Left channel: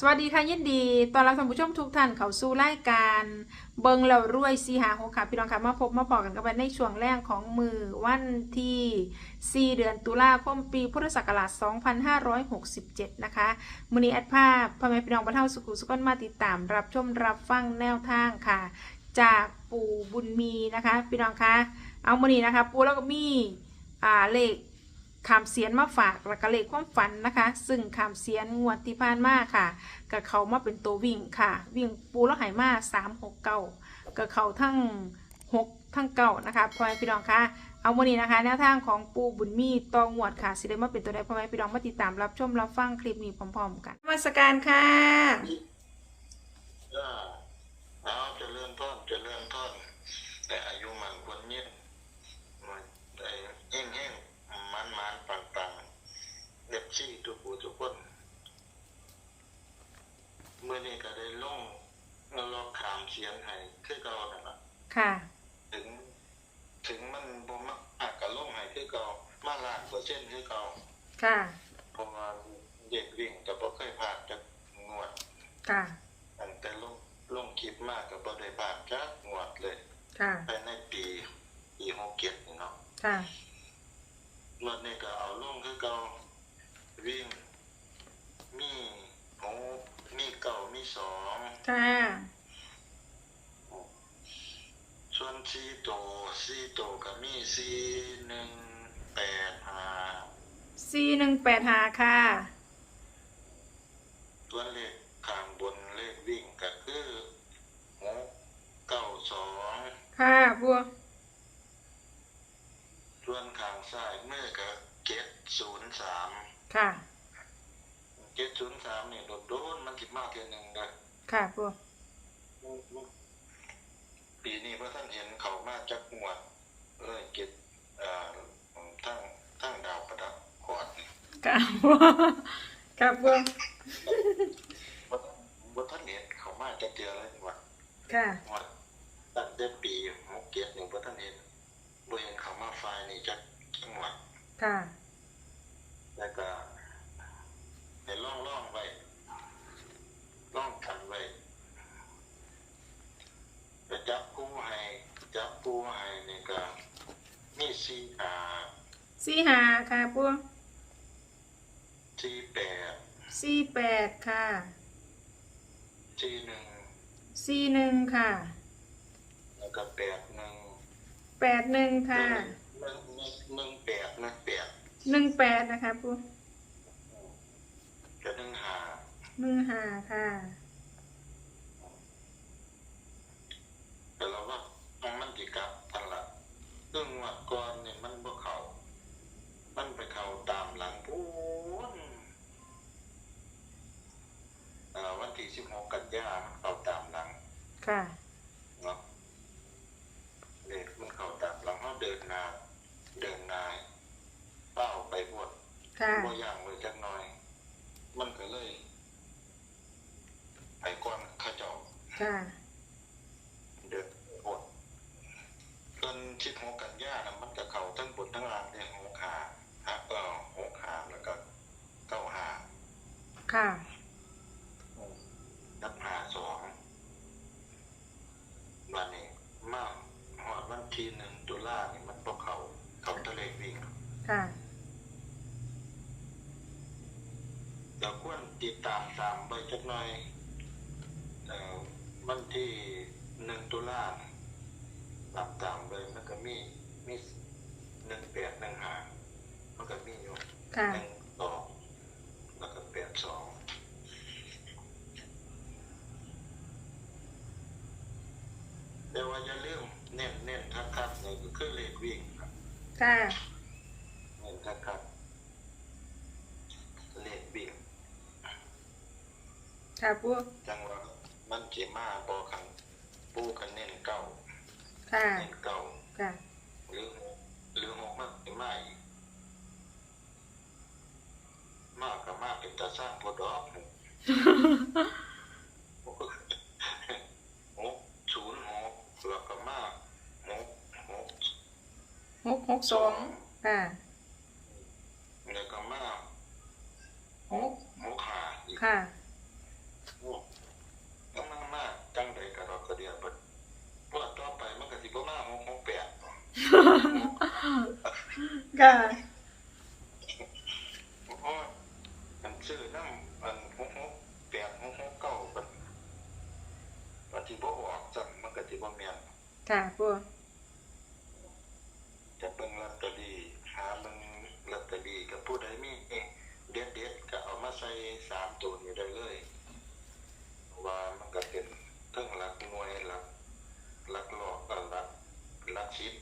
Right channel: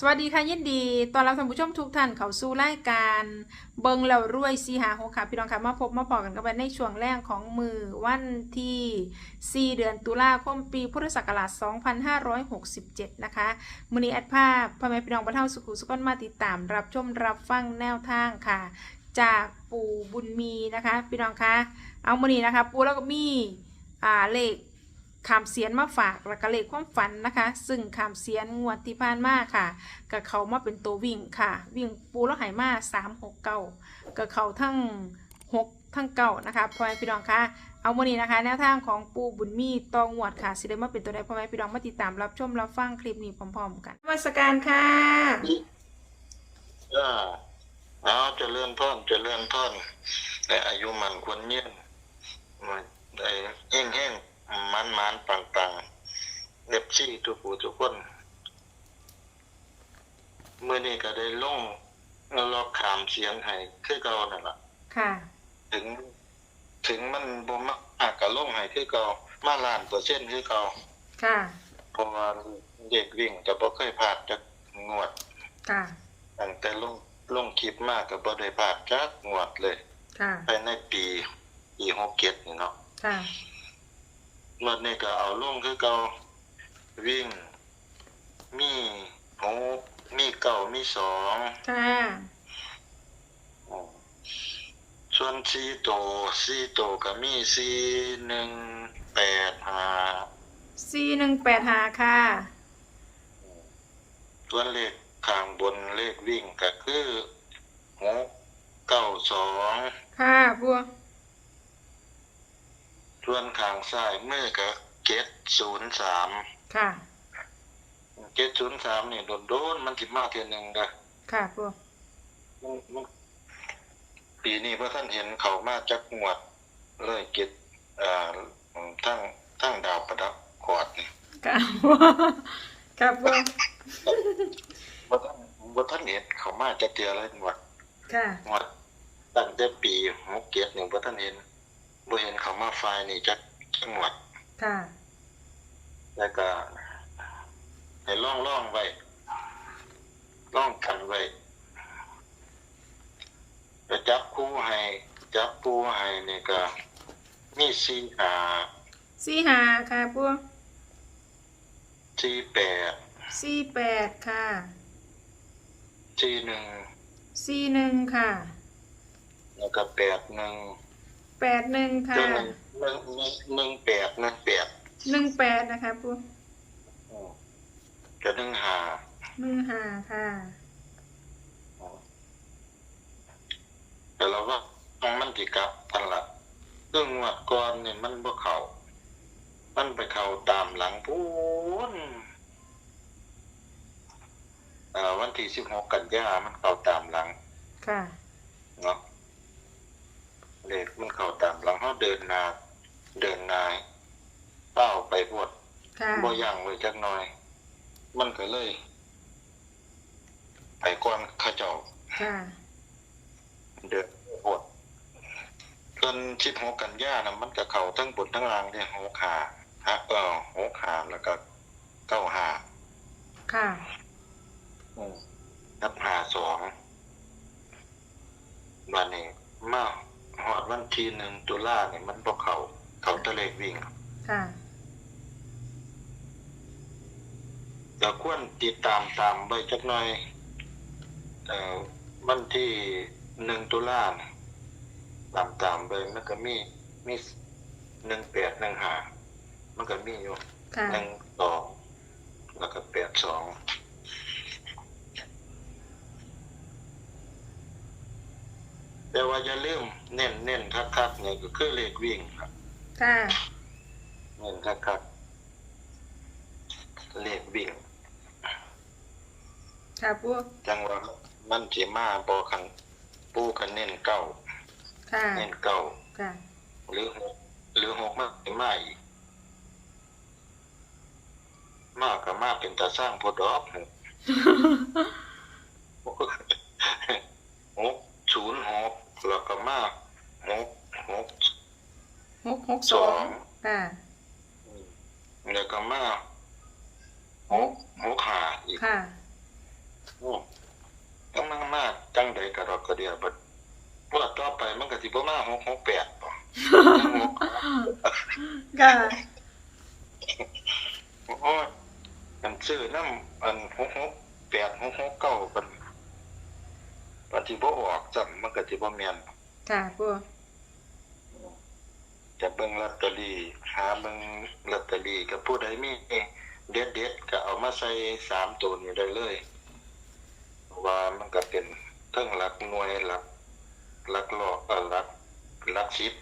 สวัสดีค่ะยินดีตอนรับท่านผู้ชมทุกท่านเข้าสู่รายการเบิงแล้วรวยสีหาหกค่ะพี่น้องค่ะมาพบมาพอกันกันในช่วงแรกของมือวันที่ 4 เดือนตุลาคมปีพุทธศักราช 2567 นะคะมือนี้แอดภาพพ่อแม่พี่น้องบรรเทาสุขุสุขนมาติดตาม รับชมรับฟังแนวทางค่ะ จากปู่บุญมีนะคะ พี่น้องคะเอามือนี้นะคะ ปู่แล้วก็มีอ่าเลข คำเสียนมาฝากแล้วก็เลขความฝันนะคะ ซึ่งคำเสียนงวดที่ผ่านมาค่ะกับเขามาเป็นตัววิ่งค่ะ วิ่งปูแล้วไหมาสามหกเก้ากับเขาทั้งหกทั้งเก้านะคะพ่อแม่พี่น้องคะเอาวันนี้นะคะแนวทางของปูบุญมีตองวดค่ะสิได้มาเป็นตัวใดพ่อแม่พี่น้องมาติดตามรับชมรับฟังคลิปนี้พร้อม ๆ กันนมาสการค่ะอ่าเอาเจะเลื่อนท่อนเจะเลื่อนท่อนในอายุมันควรเยี่ยมมันไอ้แห้งแห้ง มันมันปังปังเล็บซี่ทุกผู้ทุกคนเมื่อนี้ก็ได้ลงลอกขามเสียงให้คือเก่านั่นล่ะ ค่ะ ถึง ถึงมันบ่มักอากก็ลงให้คือเก่ามาล้านเปอร์เซ็นต์คือเก่าค่ะเพราะว่าเด็กวิ่งก็บ่เคยพลาดจักงวด ค่ะตั้งแต่ลงลงคลิปมากกับบ่ได้พลาดจักงวดเลย ค่ะภายในปีปีหกเจ็ดนี่เนาะ ค่ะ งวดนี้ก็เอาลงคือเก่าวิ่ง มีหกมีเก้ามีสองค่ะส่วนสี่โตสี่โตก็มีสี่หนึ่งแปดห้าสี่หนึ่งแปดหาค่ะ ส่วนเลขข้างบนเลขวิ่งก็คือหกเก้าสองค่ะบัว ส่วนข้างซ้ายมือก็เจ็ดศูนย์สามค่ะ เจ็ดศูนย์สามนี่โดนโดนๆมันสิมาเทียหนึ่งเด้อค่ะบัวมันมันปีนี้พระท่านเห็นเขามาจักงวดเลยเก็ดอ่าทั้งทั้งดาวประดับกอดนี่ค่ะบัวค่ะบัวพระท่านพระท่านเห็นเขามาจักเทียเลยงวดค่ะงวดตั้งแต่ปีหกเก็ดหนึ่งพระท่านเห็น บ่เห็นเขามาไฟล์นี่จักจักงวดค่ะ แล้วก็ให้ล่องล่องๆไว้ล่องกันไว้จะจับคู่ให้จับคู่ให้นี่ก็ มีสี่หาสี่หาค่ะบัวสี่แปดสี่แปดค่ะสี่หนึ่งสี่หนึ่งค่ะ แล้วก็แปดหนึ่ง แปดหนึ่งค่ะหนึ่งหนึ่งหนึ่งหนึ่งแปดหนึ่งแปดหนึ่งแปดนะคะบัวอืมก็หนึ่งหาหนึ่งหาค่ะแต่เราว่ามันจิกลับทันละซึ่งงวัดก่อนเนี่ยมันบ่เขามันไปเข้าตามหลังพูนเอ่อวันที่สิบหกกันยามันเข้าตามหลัง ค่ะเนาะ เด็กมันเข้าตามหลังเขาเดินหนาเดินหนายเป้าไปบวดค่ะบ่ย่างไว้จักหน่อย มันก็เลยไปก่อนเข้าเจ้าค่ะเดินบวดจนชิดหกกันยานะมันก็เข้าทั้งบนทั้งล่างเนี่ยหกขาฮะเออหกขาแล้วก็เก้าหาค่ะอืมนับหาสองวันนี้มาหอดวัน ที่หนึ่งตุลาเนี่ยมันบ่เขาเขาตะเลกวิ่งค่ะก็ควรติดตามตามไปจักหน่อยเอ่อวันที่หนึ่งตุลาเนี่ยตามตามไปมันก็มีมีหนึ่งแปดหนึ่งหามันก็มีอยู่ค่ะหนึ่งสองแล้วก็แปดสอง แต่ว่าอย่าลืมเน้นเน้นคักคักๆเนี่ยก็คือเลขวิ่งครับค่ะเน้นคักคักๆเลขวิ่งค่ะบัวจังว่ามันสิมาบ่คันปูคันเน้นเก้าค่ะเน้นเก้าค่ะหรือหกหรือหกมันสิมาอีกมากก็มาเป็นตาสร้างพอดอกหกศูนย์หก แล้วก็มาหกหกหกหกสองค่ะแล้วก็มาหกหกหาอีกค่ะโอ้กำลังมากจังใดกระดอกกระเดียบัดว่าต่อไปมันก็สิบ่มาหกหกแปดบ่ค่ะโอ้ยอันซื้อน้ำอันหกหกแปดหกหกเก้ามัน ปฏิบ่ออกจังมันก็สิบ่แม่นค่ะปูจะเบิ่งลอตเตอรี่หาเบิ่งลอตเตอรี่กับผู้ใดมีเด็ดเด็ดๆก็เอามาใส่สามตัวนี้ได้เลยเพราะว่ามันก็เป็นเทั้งหลักหน่วยหลักหลักลอกเอ่อหลักหลักสิบ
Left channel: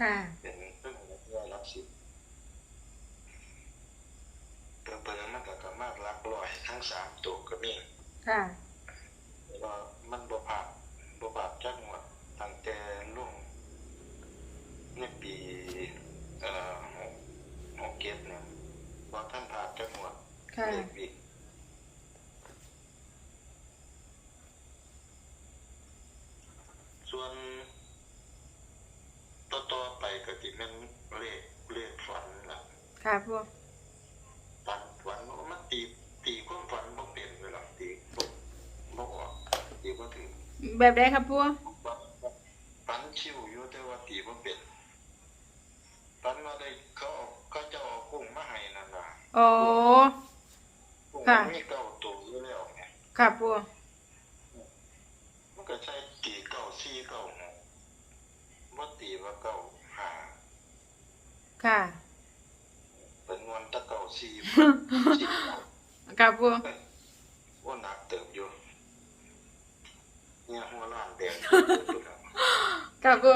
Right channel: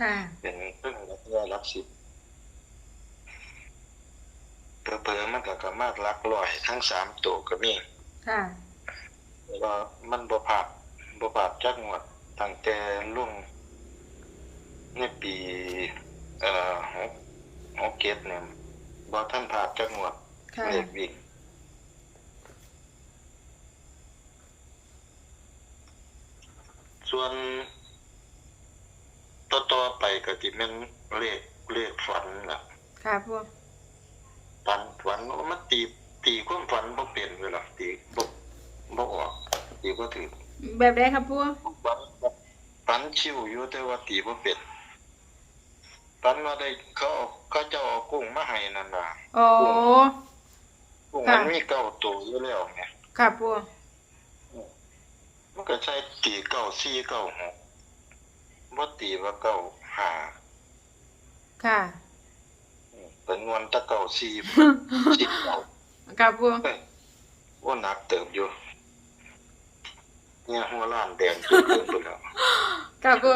ค่ะเป็นเทั้งหลักร้อยหลักสิบเผลอๆมันก็สามารถหลักร้อยทั้งสามตัวก็มีค่ะแต่ ว่ามันบ่ผ่านบ่ผ่านจักงวดตั้งแต่ลุงในปี เอ่อหกหกเจ็ดเนี่ยบ่ท่านผ่านจักงวดค่ะ เลขวิ่งส่วนต่อต่อๆไปก็สิแม่นเลขเลขฝันล่ะ ค่ะปูฝันฝันว่ามันตีตีความฝันบ่เป็นเวลาตีบ่ บ่ออกตีบ่ถึงแบบใดครับปูฝันชิวอยู่แต่ว่าตีบ่เป็นฝันว่าได้เขาเอาเขาเจ้าเอากุ้งมาให้นั่นน่ะโอ้กุ้งค่ะมันมีเก้าตัวอยู่แล้วไงค่ะปูมันก็ใช้ตีเก้าสี่เก้าหกบ่ตีว่าเก้าห้าค่ะเป็นงวนตะเก้าสี่สี่เก้าค่ะปูเอ้ยว่าหนักเติบอยู่ เนี่ยหัวล้านแดงจนเกินไปแล้วค่ะปู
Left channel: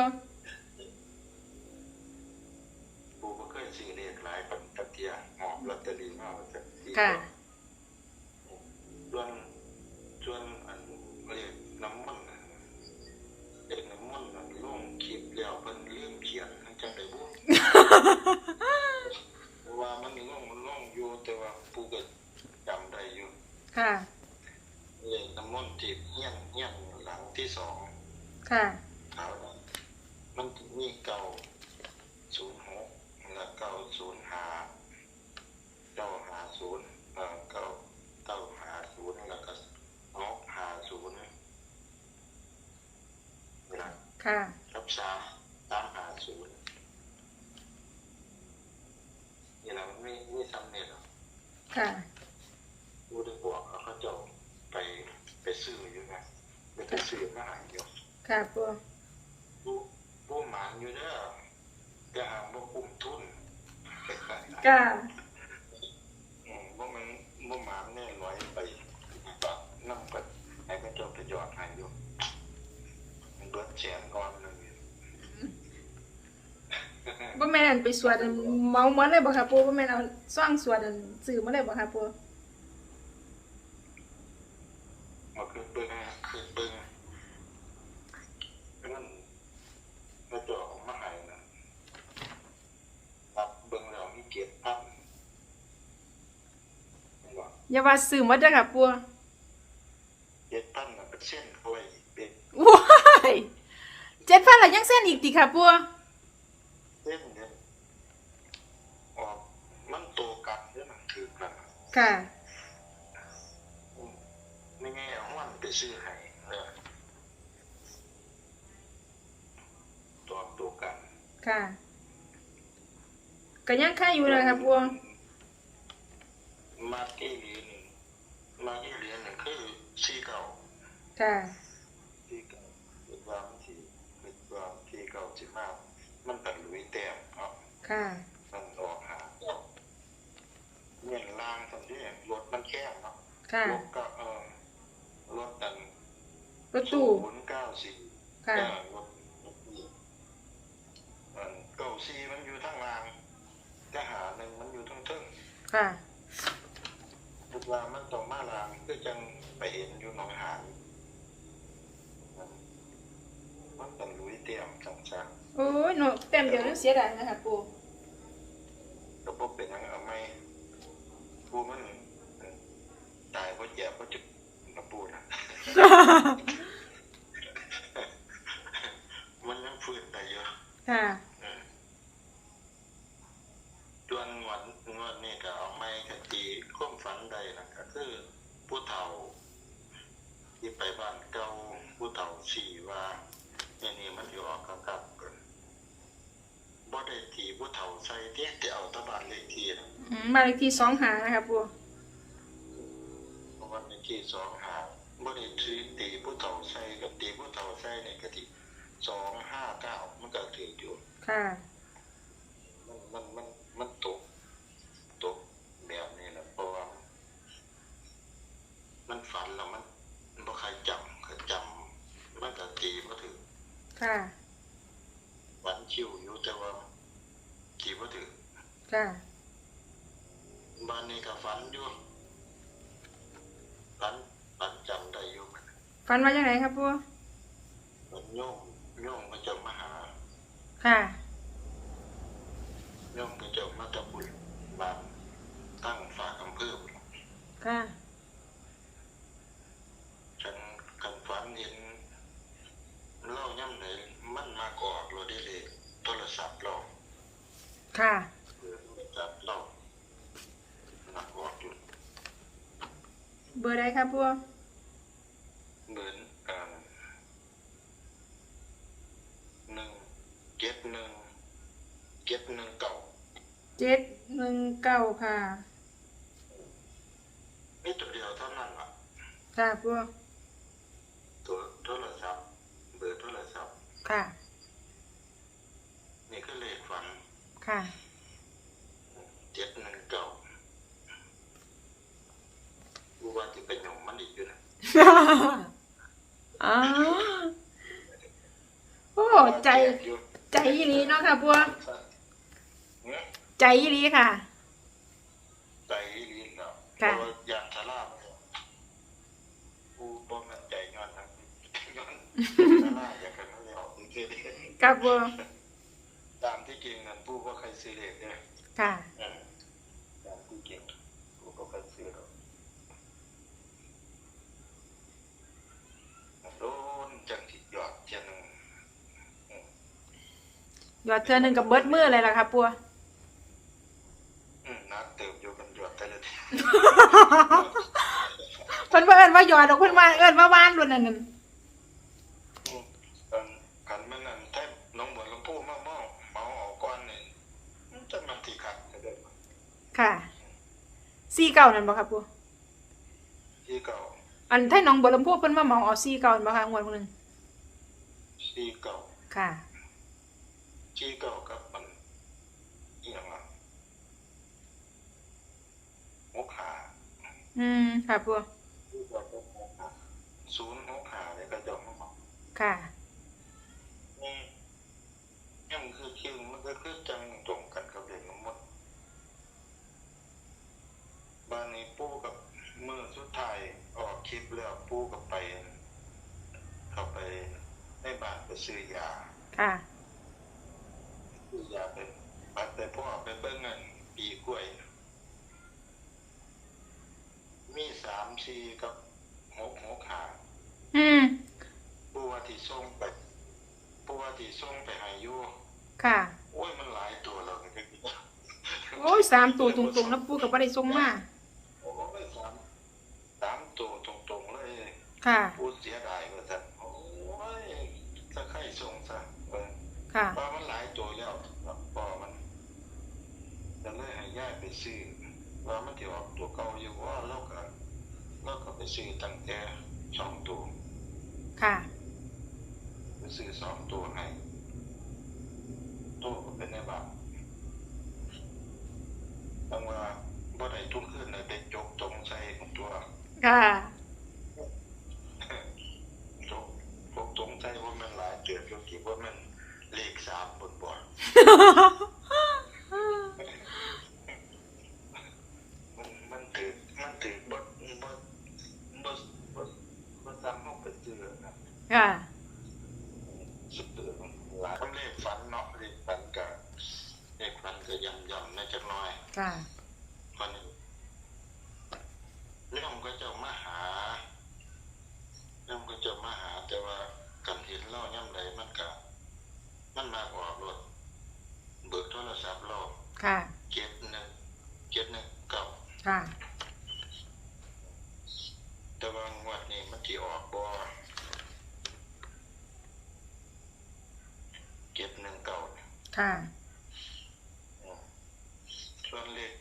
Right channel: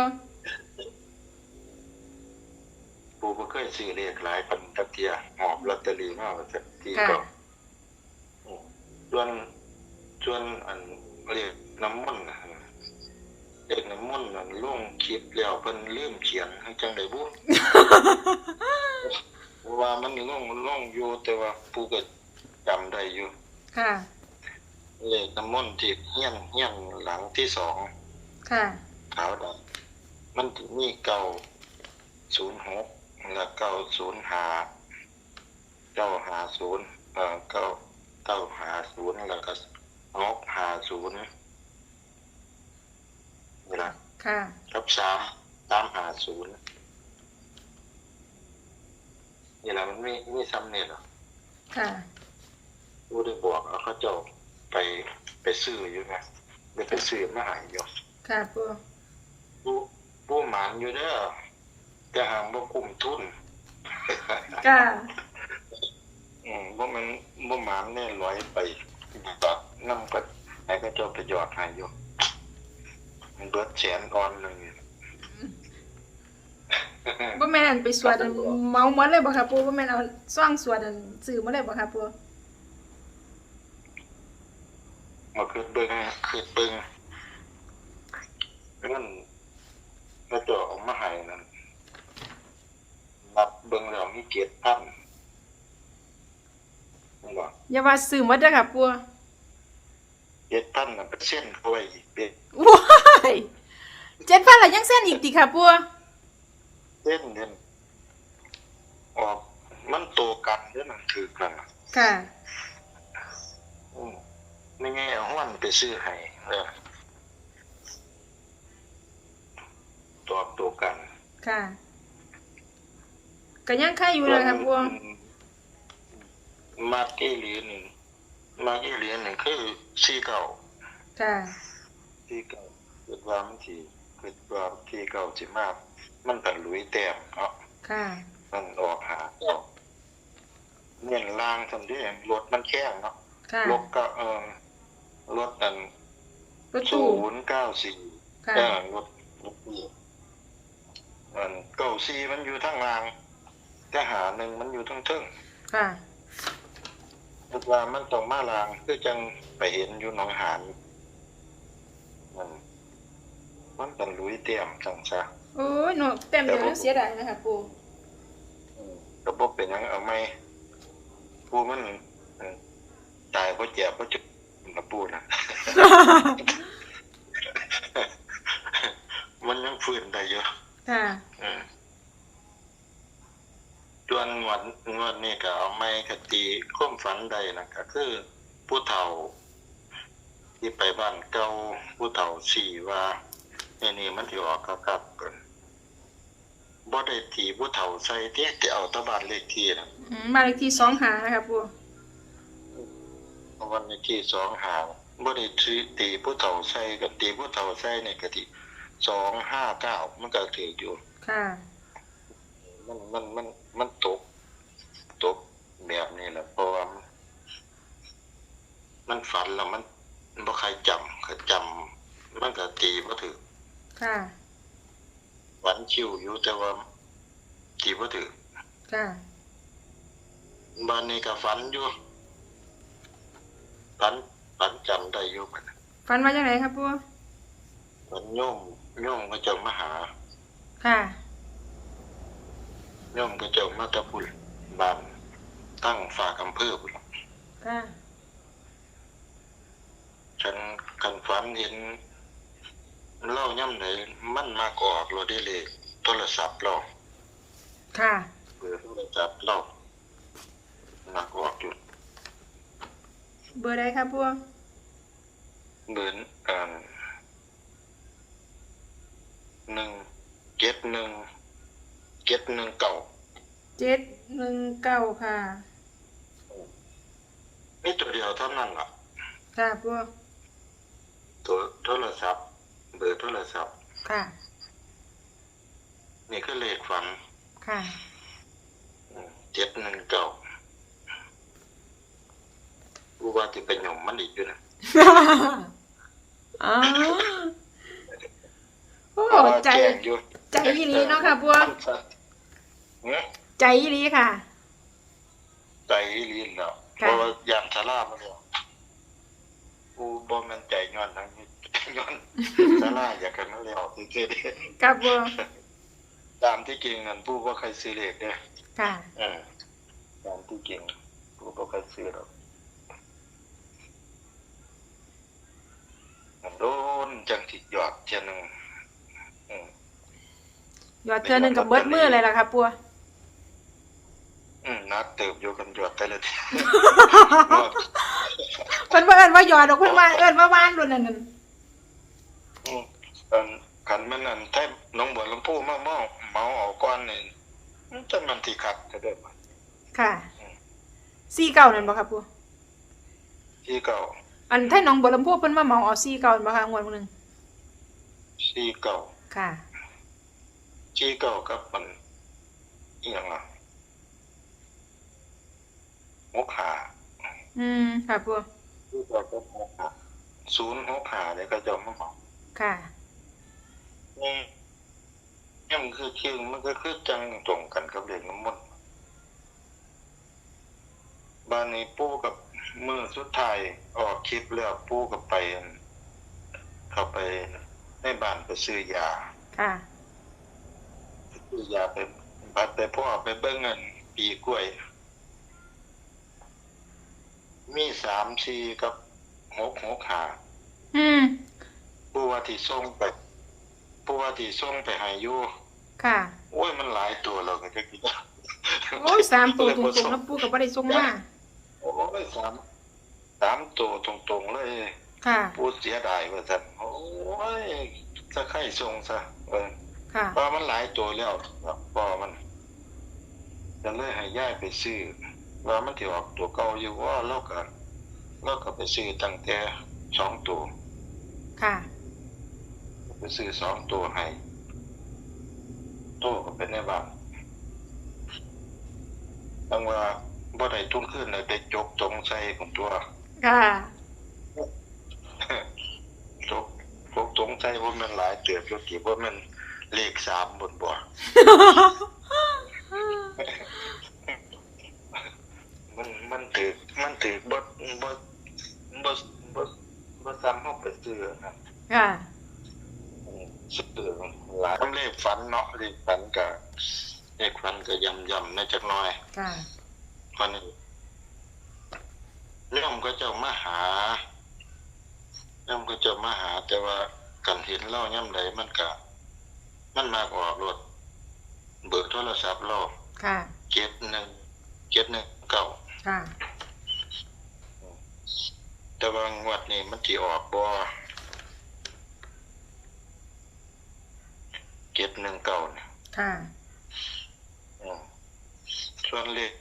ปูบ่เคยซื้อเลขหลายปันตะเกียหอบลอตเตอรี่มาว่าจะตีค่ะเก้าส่วนส่วนอันเรียกน้ำมันต์นะเรียกน้ำมันต์อันลงคลิปแล้วเพิ่นลืมเขียนให้จังได๋บุเพราะว่ามันลงลงอยู่แต่ว่าผู้ก็จำได้อยู่ ค่ะ เลขน้ำมันต์ที่เฮียนเฮียนหลังที่สองค่ะ ขาวดำมันสิมีเก้าศูนย์หกแล้วเก้าศูนย์ห้าเก้าห้าศูนย์เอ่อเก้าเก้าห้าศูนย์แล้วก็หกห้าศูนย์นี่ละค่ะกับสามสามห้าศูนย์นี่ละมันมีมีซ้ำเนี่ยหรอค่ะ ผู้ได้บอกเอาเขาเจ้า ไปไปซื้ออยู่นะไปไปซื้อมาใหายอยู่ค่ะปูผู้ผู้หมานอยู่เด้อแต่หางบ่คุ้มทุนค่ะอืมบ่มันบ่หมานแน่ร้อยไปก็นำก็ให้เขาเจ้าไปหยอดให้อยู่มันเบิดแสนอ่อนหนึงบ่แม่นอันไปสวดอันเมาหมดเลยบ่ครับปูบ่แม่นเอาซ่องสวดอันซื้อมาเลยบ่ครับปู มาขึ้นเบิ่งขึ้นเบิ่งมันเขาเจ้าเอามาให้นั่นนับเบิ่งแล้วมีเกียรติพันนี่บ่อย่าว่าซื้อหมดเด้อครับปูเกียรติพันน่ะเป็นเส้นกล้วยอีกเบ็ดว้าย7,000แล้วยังเส้นอีกติครับปูเส้นเนี่ยออกมันโตกันเด้อมันถือกันน่ะค่ะอืม ไม่ไงเอาห้อนไปซื้อให้เออตอบตัวกันค่ะก็ยังค่าอยู่เลยครับปูมาเกลีหนึ่งมาเกลีหนึ่งคือสี่เก่าค่ะสี่เก่าเกิดว่ามันที่เกิดว่าที่เก่าสิมาก มันเป็นหลุยแต้มเนาะค่ะมันออกหาเก่าเงินล่างทำได้รถมันแข้งเนาะค่ะรถก็เออ รถอันรถศูตู้นย์เก้าสี่ค่ะเออรถรถตู้อันเก้าสี่มันอยู่ทางล่างแต่หาหนึ่งมันอยู่ทั้งเทิงค่ะคิดว่ามันต้องมาลางคือจังไปเห็นอยู่หนองหานมันมันเป็นลุยเตียมจังซะโอ้ยหนูเต็มเดียวนึกเสียดายนะคะปูระบบเป็นหยังเอาไหมผู้มันอืมตายเพราะเจ็บเพราะจุด ระปูนะ มันยังฟื้นได้เยอะค่ะอืมส่วนงวดงวดนี่ก็เอาไม้คตีข้มฝันใดนะก็คือผู้เฒ่า ที่ไปบ้านเก่าผู้เฒ่าสี่ว่าไอ้นี่มันสิออกครับครับเพิ่นบ่ได้ตีผู้เฒ่าใส่เด้แต่เอาแตะบ้านเลขที่นะอืมบ้านเลขที่สองหาค่ะปู วันเลขที่สองหาบ่ได้ตีตีผู้เฒ่าใส่กับตีผู้เฒ่าใส่นี่ก็ที่สองห้าเก้ามันก็ถืออยู่ค่ะ มันมันมันมันตก ตกแบบนี้แหละเพราะว่ามันฝันแล้วมันบ่ใครจำก็จำมันก็ตีบ่ถือค่ะฝันชิวอยู่แต่ว่าตีบ่ถือค่ะบ้านนี้ก็ฝันอยู่ ฝันฝันจำได้อยู่มันฟันว่าจังไหนครับปูฝันโยมโยมก็เจะมาหาค่ะโยมก็เจะมาแตะบุญบ้านตั้งฝากอำเภอพุ่นค่ะฉันกันฝันเห็นเล่าย่ำไหนมันมากออกเราได้เลยโทรศัพท์เราค่ะเบอร์โทรศัพท์เรามากออกอยู่ เบอร์ใดครับปูเบิร์นอ่าหนึ่งเจ็ดหนึ่งเจ็ดหนึ่งเก่าเจ็ดหนึ่งเก้าค่ะมีตัวเดียวเท่านั้นล่ะค่ะปูตัวโทรศัพท์ เบอร์โทรศัพท์ค่ะ นี่ก็เลขฝันค่ะ เจ็ดหนึ่งเก่ารู้ว่าจะเป็นหย่ อมมันอีกอยู่นะอ๋อโอ้ใจแจ้งอยู่ใจอีหลีเนาะค่ะปูเนี่ยใจอีหลีค่ะ ใจลีนแล้วเพค่ะราะว่ายามสารามาแล้วกูบ่แมันใจย้อนทั้งนี้ย้อนสาราอยากกันมาแล้วจริงๆครับปูตามที่จริงนั่นผู้บ่เคยซื้อเลขเด้อค่ะเออตามที่จริงผู้บ่เคยซื้อหรอกโดน จังสิยอดเทียหนึงหยอดเทือหนึ่งกับเบิดมือเลยล่ะครับปูอืมนักเติบอยู่กันหยอดแต่ละทีเพิ่นว่เอิ้นว่าหยอดดอกเพิ่นว่าเอิ้นว่าว่านรุ่นนั้นนั่นอืมอันคันแม่นอั่นแท้น้องบัวลำพูมาเมาเมาเอาก่อนนี่มันจะมันสิขัดจะเด้อค่ะซีเก่านั่นบ่ครับปูที่เก่า อันไทยหน้องบัวลำพูเพิ่นมาเหมาเอาซีเก่านั่นบ่คะงวดมื้อนึงที่เก่าค่ะที่เก่ากับมันอีหยังอะหกหาอืมค่ะปูที่เก่ากับหกหาศูนย์หกหาเนี่ยก็จะมาเหมาค่ะนี่นี่มันคือคิงมันก็คือจังตรงกันกับเด็กน้ำมันต์บ้านนี้ปู่กับ มือสุดท้ายออกคลิปแล้วปู่กับไป เข้าไปในบ้านไปซื้อยาค่ะ ซื้อยาไปบัดไปพ่อไปเบิ้งเงินปีกล้วย มีสามสี่กับหกหกหาอืมผู้ว่าที่ส่งไปผู้ว่าที่ส่งไปใหายุค่ะ โอ้ยมันหลายตัวแล้วก็จะกินโอ้ยสามตัวตรงๆแล้วปูก็บ่ได้ส่งมา โอ้ยสาม สามตัวตรงๆเลยค่ะผู้เสียดายว่าสันโอ้ยจะไข่ส่งซะเออค่ะ เพราะมันหลายตัวแล้วครับพอมันจะเลยให้ย่ายไปซื้อว่ามันที่ออกตัวเก่าอยู่ว่าเราก็เราก็ไปซื้อตั้งแต่สองตัวค่ะ ไปซื้อสองตัวให้ตัวก็เป็นในบ้านตั้งว่าบ่ได้ทุ่มขึ้นเลยไปจกตรงใส่ของตัว ค่ะจกจกตรงใส่ว่ามันหลายเตือบอยู่ที่ว่ามันเลขสามบนบ่มันมันถือมันถือบ่บ่บ่บ่บ่ซ้ำเฮาไปซื้อนะค่ะซื้อหลายเลขฝันเนาะเลขฝันก็เลขฝันก็ย่ำๆในจักหน่อย ค่ะมัน เรื่องก็จะมาหาเรื่องก็จะมาหา แต่ว่ากันเห็นเล่าย่ำใดมันก็มันมากออกรถเบิกโทรศัพท์เราค่ะเจ็ดหนึ่งเจ็ดหนึ่งเก้าค่ะแแต่ว่างวดนี้มันสิออกบ่เจ็ดหนึ่งเก้าเนี่ยค่ะอืมส่วนเลข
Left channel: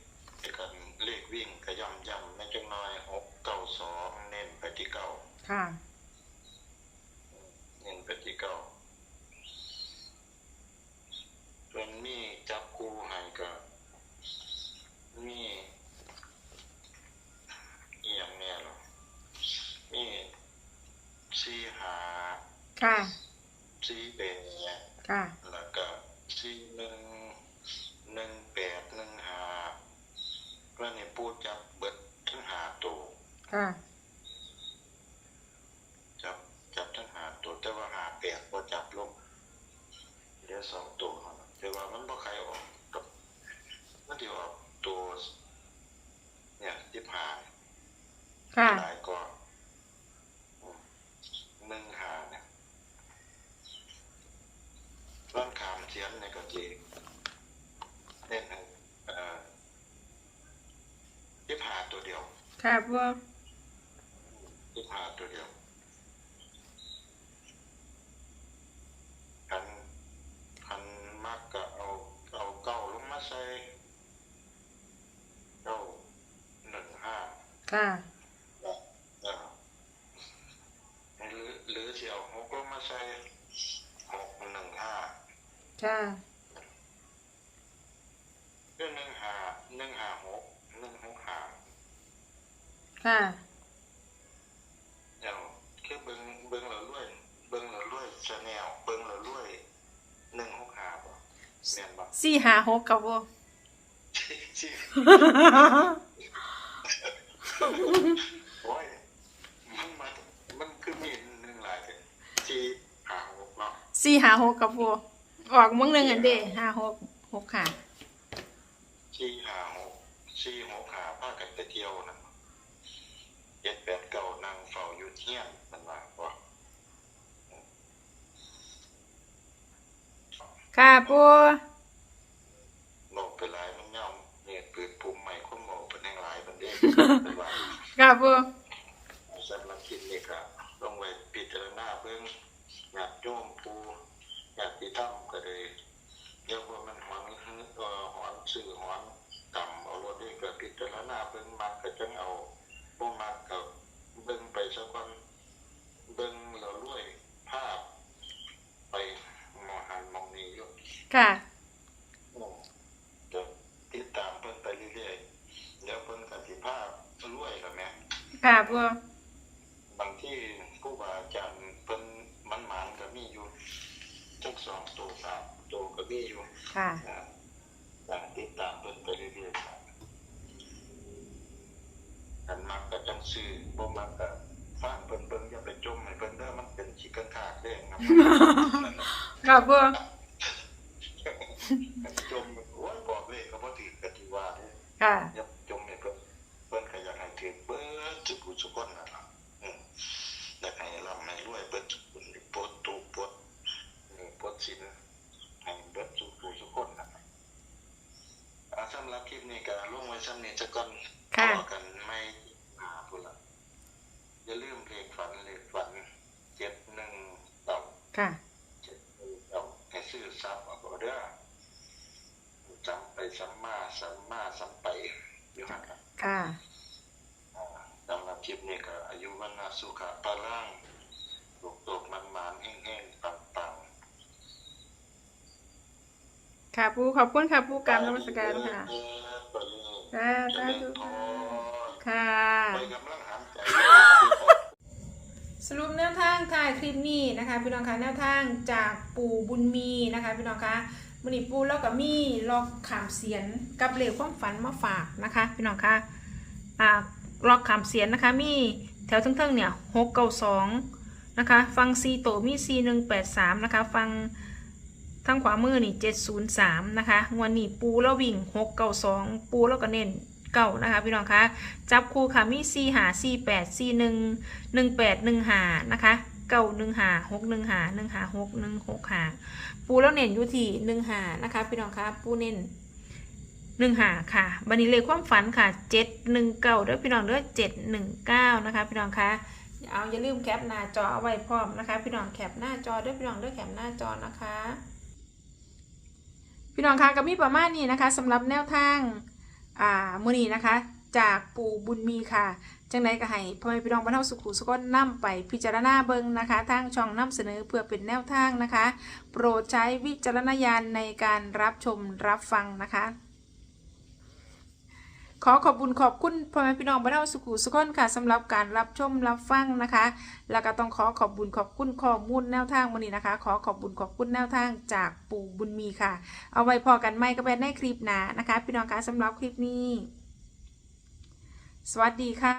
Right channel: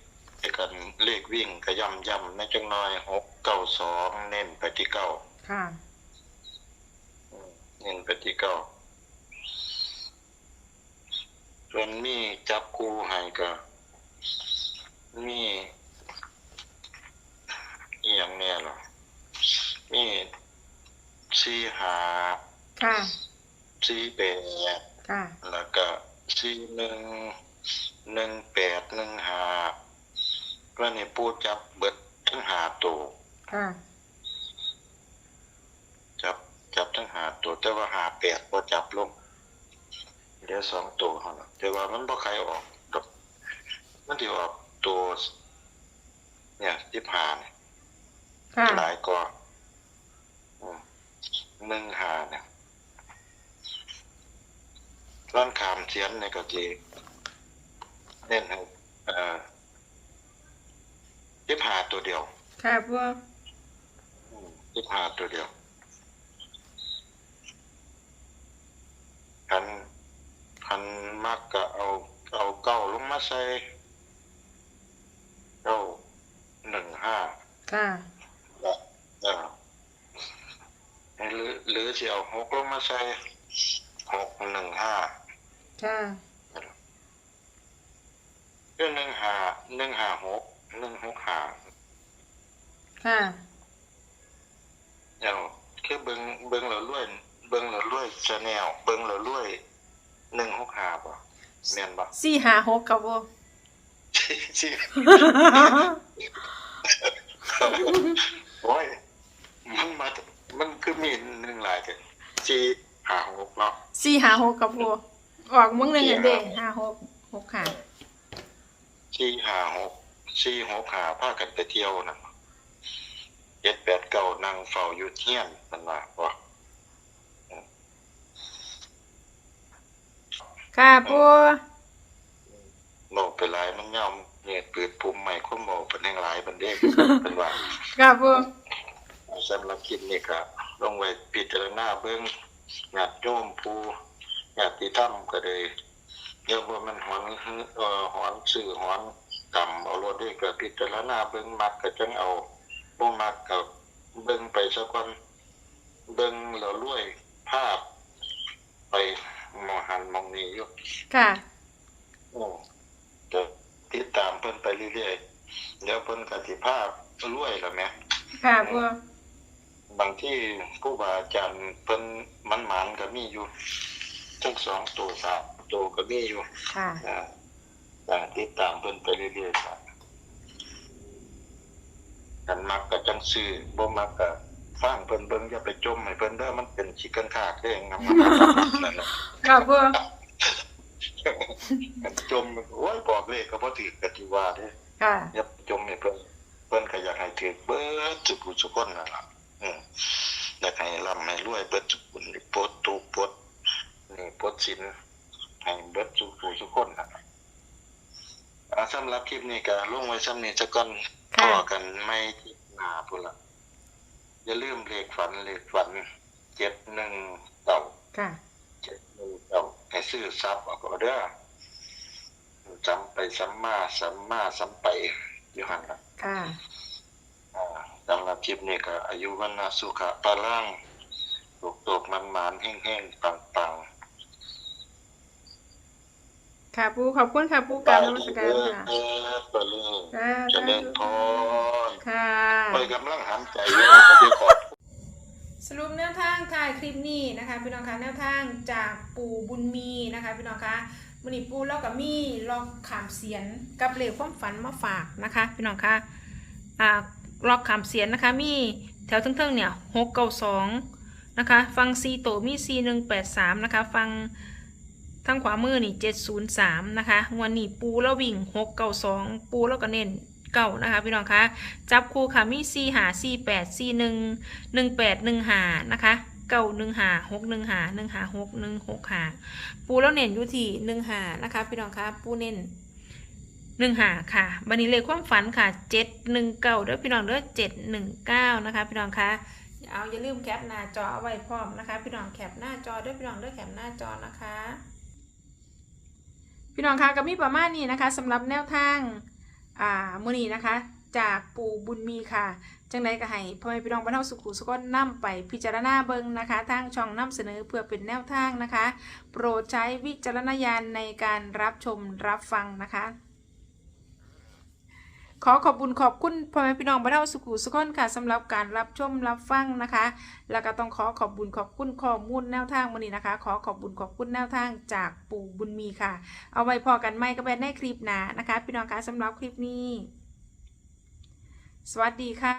ไอ้กันเลขวิ่งก็ย่ำย่ำในจังน้อยหกเก้าสองเน้นไปที่เก้าค่ะอืมเน้นไปที่เก้าส่วนมีจับคู่ให้ก็มีอหย่างเนี้ยหรอมีสี่หาค่ะสี่แปดค่ะ แล้วก็สี่หนึ่งหนึ่งแปดหนึ่งหา ก็นี่ปูจับเบิดทั้งหาตัวค่ะ จับจับทั้งหาตัวแต่ว่าหาแปดพอจับลงเหลือสองตัวเท่านั้นแต่ว่ามันบ่ใครออกดอกมันที่ออกตัว เนี่ยสิบหาเนี่ยค่ะหลายกว่าอืมหนึ่งหาเนี่ยร้านขามเทียนในกะจีเน้นให้เอ่อ สิบหาตัวเดียวค่ะปูสิบหาตัวเดียวคันคันมักก็เอาเอาเก้าลงมาใส่เก้าหนึ่งห้าค่ะเออหรือหรือสิเอาหกลงมาใส่หกหนึ่งห้าค่ะเรื่องหนึ่งห้าหนึ่งห้าหก หนึ่งหกห้าค่ะเดี๋ยวคือเบิ้งเบิ้งเหลือรวยเบิ้งเหลือรวยชาแนลเบิ้งเหลือรวยหนึ่งหกห้าป่ะเมียนป่ะสี่หาหกค่ะปูที่โอ้ยมันมามันคือมีหนึ่งหลายแต่ที่หาหกเนาะสี่หาหกค่ะปูออกมึงหนึ่งอันเด้ห้าหกหกค่ะที่หาหก สี่หกหาพากันไปเที่ยวนะเจ็ดแปดเก้านั่งเฝ้าอยู่เที่ยนมันว่าว่าค่ะปูโมไปหลายมันย่อมเนี่ยปืดปุ่มใหม่คนโมเป็นแห่งหลายบันเด้เป็นว่าค่ะปูสำหรับคลิปนี้ก็ลงไว้พิจารณาเบื้องญาติโยมผู้ญาติธรรมก็เลยเดี๋ยวว่ามันหอนเอ่อหอนสื่อหอน กรรมเอารถด้วยก็พิจารณาเบื้องมักก็จังเอาบ่มักก็เบิ่งไปสักวันเบิ่งแล้วรวยภาพ ไปมองหันมองนี้อยู่ค่ะอืมก็ติดตามเพิ่นไปเรื่อยๆเดี๋ยวเพิ่นก็สิภาพรวยแล้วแหมค่ะปูบางที่ผู้บาอาจารย์เพิ่นมันหมานก็มีอยู่ทั้งสองตัวสามตัวก็มีอยู่ค่ะ นะแต่ติดตามเพิ่นไปเรื่อยๆครับกันมักก็จังซื้อบ่มักก็ฟังเพิ่นเบิ่งอย่าไปจมให้เพิ่นเด้อมันเป็นขี้กันคากเด้งครับนั่นน่ะค่ะปูจมโอ้ยบอกเลขก็บ่ถือก็สิว่าเด้ค่ะอย่าไปจมให้เพิ่นเพิ่นก็อยากให้ถือเบิดสุกุสุคนนั่นล่ะอืมอยากให้ร่ำให้รวยเบิดสุกุนปลดทุกข์ปลดนี่ปลดสินให้เบิดสุกุสุคนนั่นล่ะ อ่าสำหรับคลิปนี้ก็ลงไว้ซ้ำนี้ซะก่อนค่ะ ต่อกันไม่ที่หน้าพุ่นละอย่าลืมเลขฝันเลขฝัน719ค่ะ719ให้ซื้อซับเอาก็เด้อจำไปซ้ำมาซ้ำมาซ้ำไปอยู่หั่นล่ะค่ะ อ่าสำหรับคลิปนี้ก็อายุวันนาสุขะปาล่างตกตกมันมันๆแห้งๆปัง ค่ะปูขอบคุณค่ะปูๆกรารนมัสการค่ะเออปะลุงค่ะเจะสาเล่นธุพรค่ะไปกำลังหันใจอยู่กับพี่ขอบสรุปแนวทางถ่ายคลิปนี้นะคะพี่น้องคะแนวทางจากปู่บุญมีนะคะพี่น้องคะมือนีปูแล้วก็มีลอกขามเสียนกับเหลวความฝันมาฝากนะคะพี่น้องคะอ่าลอกขามเสียนนะคะมีแถวเทิงๆเนี่ยหกเก้าสองนะคะฟังซีโตมีซีหนึ่งแปดสามนะคะฟัง ทางขวามือนี่เจ็ดศูนย์สามนะคะวันนี้ปูแล้ววิ่งหกเก้าสองปูแล้วก็เน้นเก้านะคะพี่น้องคะจับคู่ค่ะมีซีหาซีแปดซีหนึ่งหนึ่งแปดหนึ่งหานะคะเก้าหนึ่งหาหกหนึ่งหาหนึ่งหาหกหนึ่งหกหาปูแล้วเน้นอยู่ที่หนึ่งหานะคะพี่น้องคะปูเน้นหนึ่งหาค่ะบันนี้เลขความฝันค่ะเจ็ดหนึ่งเก้าเด้อพี่น้องเด้อเจ็ดหนึ่งเก้านะคะพี่น้องคะเอาอย่าลืมแคปหน้าจอเอาไว้พร้อมนะคะ พี่น้องแคปหน้าจอเด้อพี่น้องเด้อแคปหน้าจอนะคะ พี่น้องคะก็มีประมาณนี้นะคะสำหรับแนวทางอ่ามือนีนะคะ จากปู่บุญมีค่ะจังไดก็ให้พ่อแม่พี่น้องบรรเทาสุขุสุขนนํไปพิจารณาเบิ่งนะคะ ทางช่องนํเสนอเพื่อเป็นแนวทางนะคะ โปรดใช้วิจารณญาณในการรับชมรับฟังนะคะ ขอขอบคุณขอบคุณพ่อแม่พี่น้องบรรเทาสุขุสุขนค่ะสำหรับการรับชมรับฟังนะคะ แล้วก็ต้องขอขอบคุณขอบคุณข้อมูลแนวทางวันนี้นะคะ ขอขอบคุณขอบคุณแนวทางจากปู่บุญมีค่ะ เอาไว้พอกันไม่ก็เป็นในคลิปหนานะคะ พี่น้องคะสำหรับคลิปนี้ สวัสดีค่ะ